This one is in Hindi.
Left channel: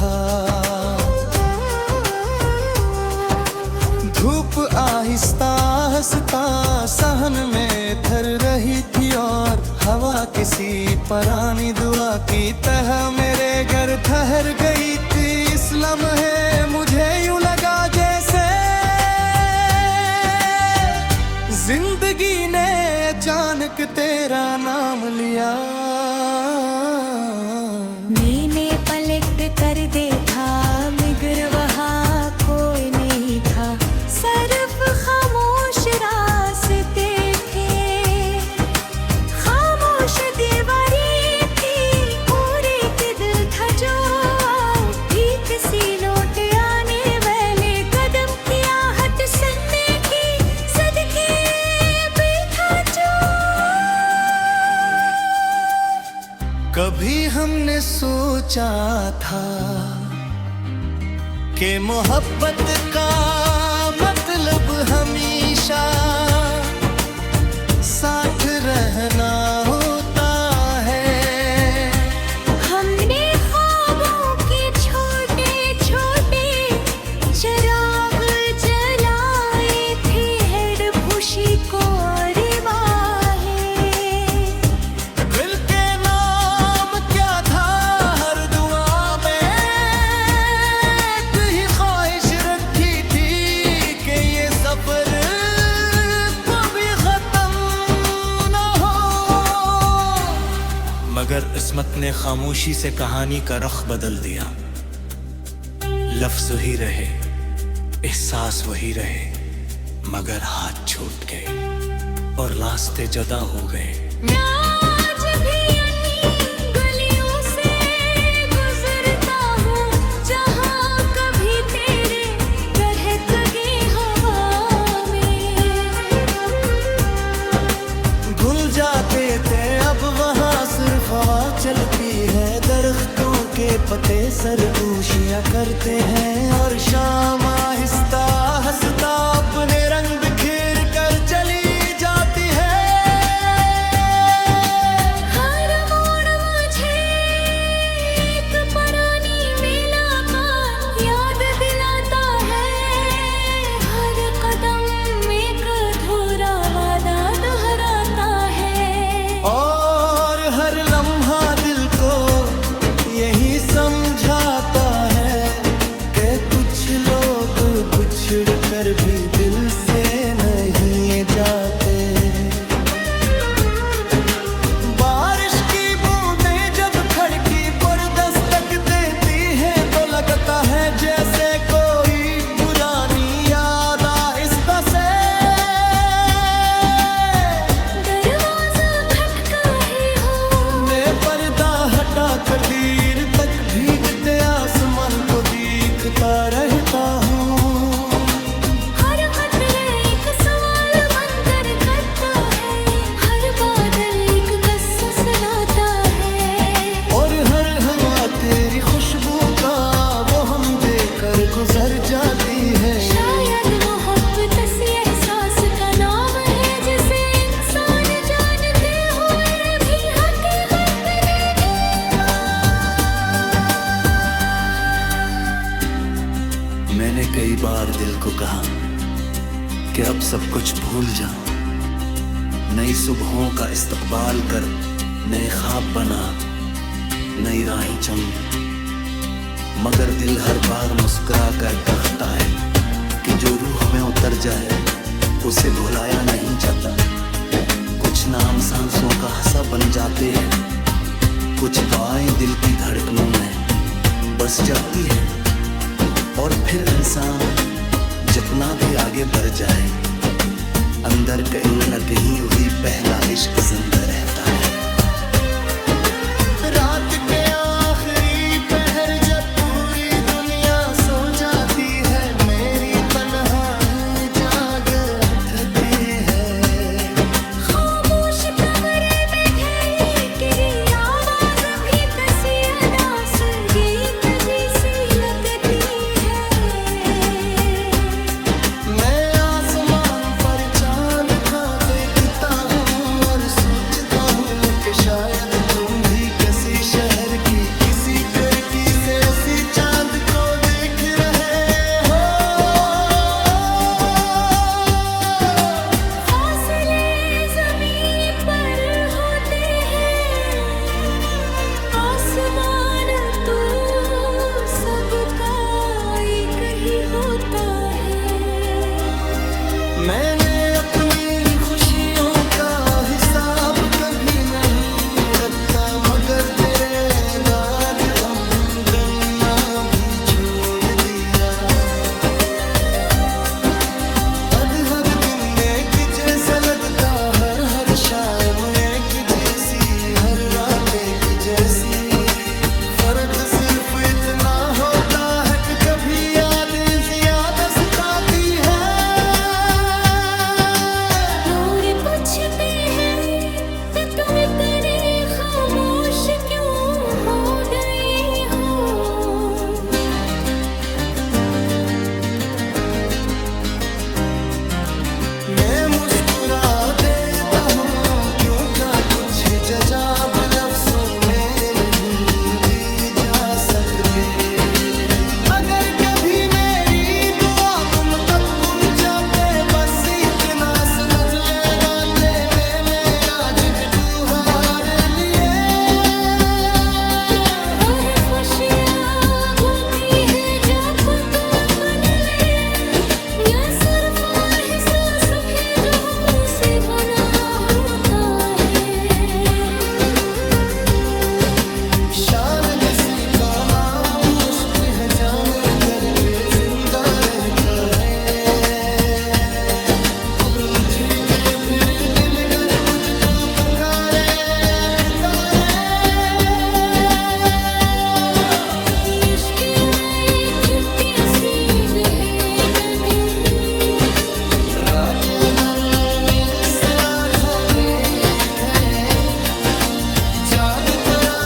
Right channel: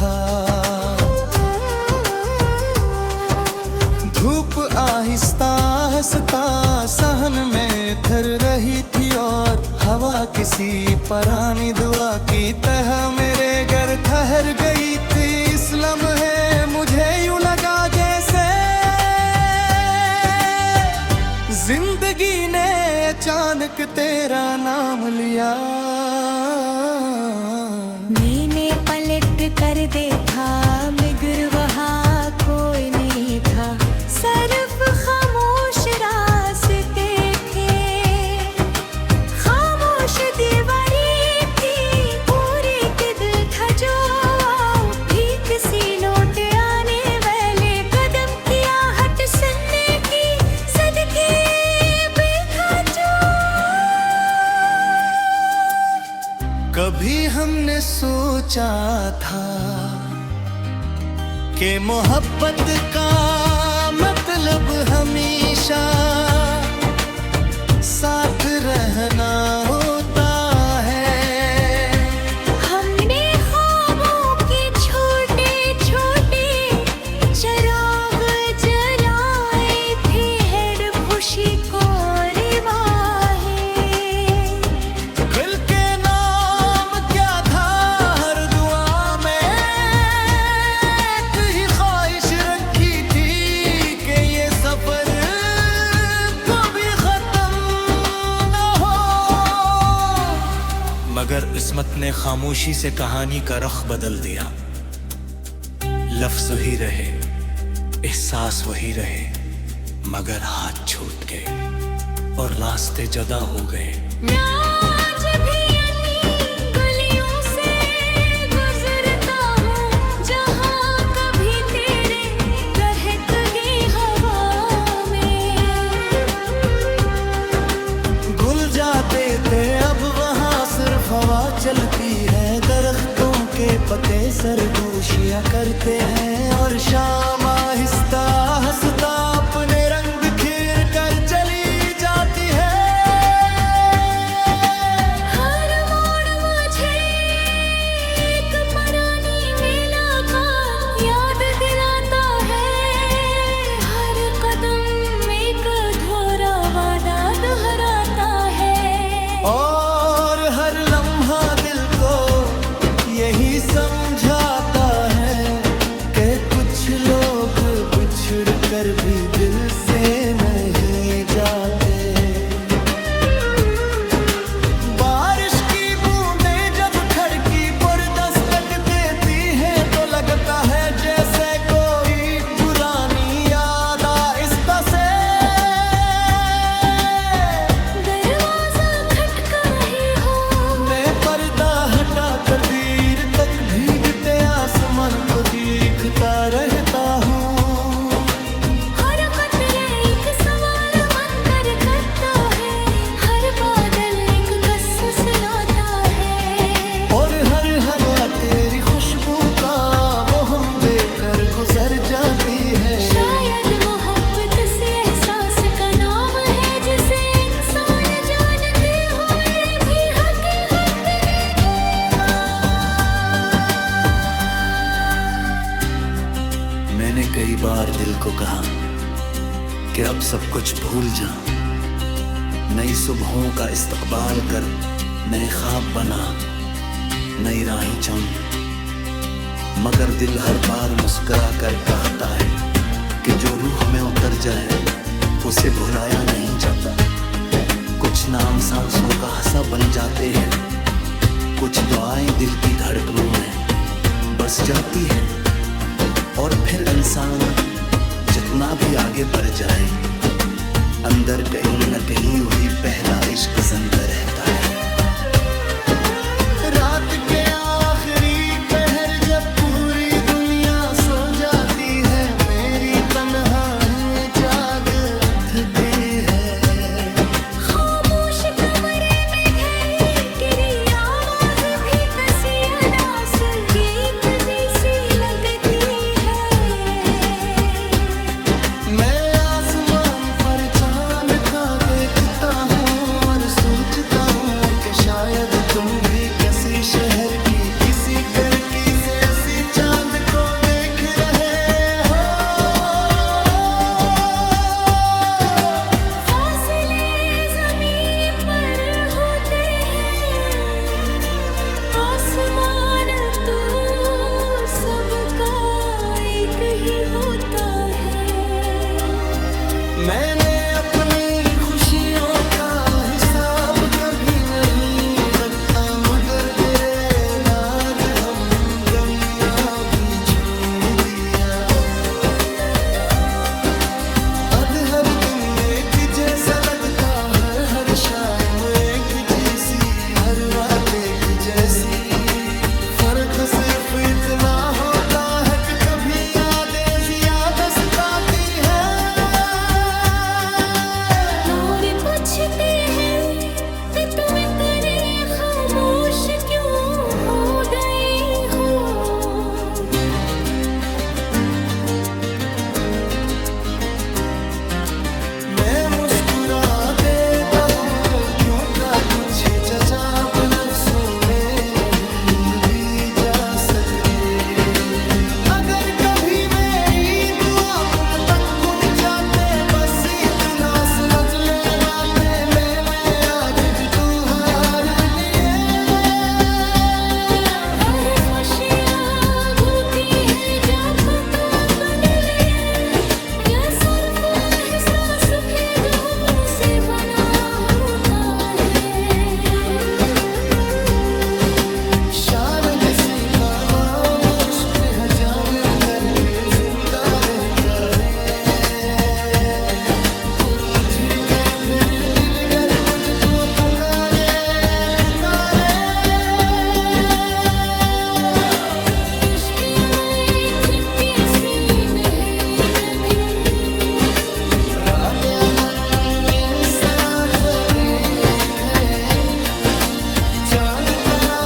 था। धूप आहिस्ता हंसता सहन में थर रही थी और हवा किसी पुरानी दुआ की तरह मेरे घर ठहर गई थी। इस लम्हे मुझे यूं लगा जैसे जिंदगी ने अचानक तेरा नाम लिया। मैंने पलट कर देखा मगर वहाँ कोई नहीं था, सिर्फ खामोश रास्ते थे, खामोश दीवारें थी और एक दिल था जो भीख सी लौट आने वाले कदम की आहट सुनने की सदके बैठा जो। कभी हमने सोचा था कि मोहब्बत का मतलब हमेशा साथ रहना होता है। हमने ख्वाबों के छोटे छोटे चिराग जलाए थे, हेड खुशी को दिल के नाम क्या था हर दुआ में एक ही ख्वाहिश रखी थी कि ये सफर कभी खत्म न हो। मगर किस्मत ने खामोशी से कहानी का रुख बदल दिया। लफ्ज ही रहे, एहसास वही रहे, मगर हाथ छूट गए और रास्ते जुदा हो गए। आज भी अन्नी गलियों से गुजरता हूँ जहाँ कभी तेरे दहक गए हवा में। घुल जाते थे अब वहाँ सिर्फ हवा चलती है, दरख्तों के पत्ते सरगोशियाँ करते हैं और शाम आहिस्ता हंसता अपने रंग बिखेर कर चली जाती है। हर मोड़ मुझे एक पुरानी मुलाकात याद दिलाता है, हर कदम एक अधूरा वादा दोहराता है और हर लम्हा दिल को यही समझाता है कि कुछ लोग बिछड़ कर भी दिल से नहीं जाते। बारिश की बूंदें जब खिड़की पर दस्तक देती हैं तो लगता है जैसे कोई पुरानी याद आहिस्ता से दरवाजा खटका ही हो। मैं पर्दा हटा कर देर तक भीगते आसमान को देखता रहता हूँ। हर कतरा एक सवाल बनकर करता है, हर बादल एक किस्सा सुनाता है और हर हवा तेरी खुशबू का वो हम देकर गुजर जाती है। शायद मोहब्बत इसी एहसास का नाम है जिसे इंसान जानते हुए भी हकीकत नहीं मानता। मैंने कई बार दिल को कहा कि अब सब कुछ भूल जा, नई सुबहों का इस्तकबाल कर, नए ख्वाब बना, नई राहें चुन। मगर दिल हर बार मुस्कुरा कर कहता है कि जो रूह में उतर जाए उसे भुलाया नहीं जाता। कुछ नाम सांसों का हंसा बन जाते हैं, कुछ दुआएं दिल की धड़कनों में बस जाती है और फिर इंसान जितना भी आगे बढ़ जाए अंदर कहीं न कहीं वही पहला इश्क जिंदा रहता है। रात के आखिरी पहर जब पूरी दुनिया सो जाती है, मेरी तन्हाई जाग उठती है। खामोश कमरे में तेरी आवाज भी कसी अदा संगीत जैसी लगती है। मैं आसमान पर चांद का देखता हूँ और सोचता हूँ कि शायद तो तुम भी किसी शहर की किसी करकी से असी चांद को देख रहे हो। फासले ज़मीन पर होते हैं, आसमान तो सबका एक ही होता है। मैंने अपनी खुशियों का हिसाब कभी नहीं रखता, मगर तेरे दाद गम गन्ना भी छोड़ दिया। अब हर दिन एक जैसा लगता, हर शाम एक जैसी, हर रात एक जैसी। फर्क सिर्फ इतना होता है कि कभी यादें ज्यादा सताती है। लोग पूछते हैं कि तुम इतने खामोश क्यों हो गई हो। मैं मुस्कुरा देता हूँ क्यों का कुछ जवाब लफ्जों में नहीं दी जा सकते। अगर कभी मेरी दुआ तुम तक पहुंचाते, बस इतना समझ लेना थे मैं आज डूबू हार लिए। वही खुशियाँ होती हैं जब दुआ बदले, या सिर्फ एहसास है जो हमों से बना होता है। शान किसी का नाम इश्क है, जामिर करके जिंदा रहता है। दूर मुझिर के फिर दिल कर कुछ तो पुकारे पुकारे। इश्क में कितनी सी बेबी, रात अकन मिंसरा खले थे, चांद करा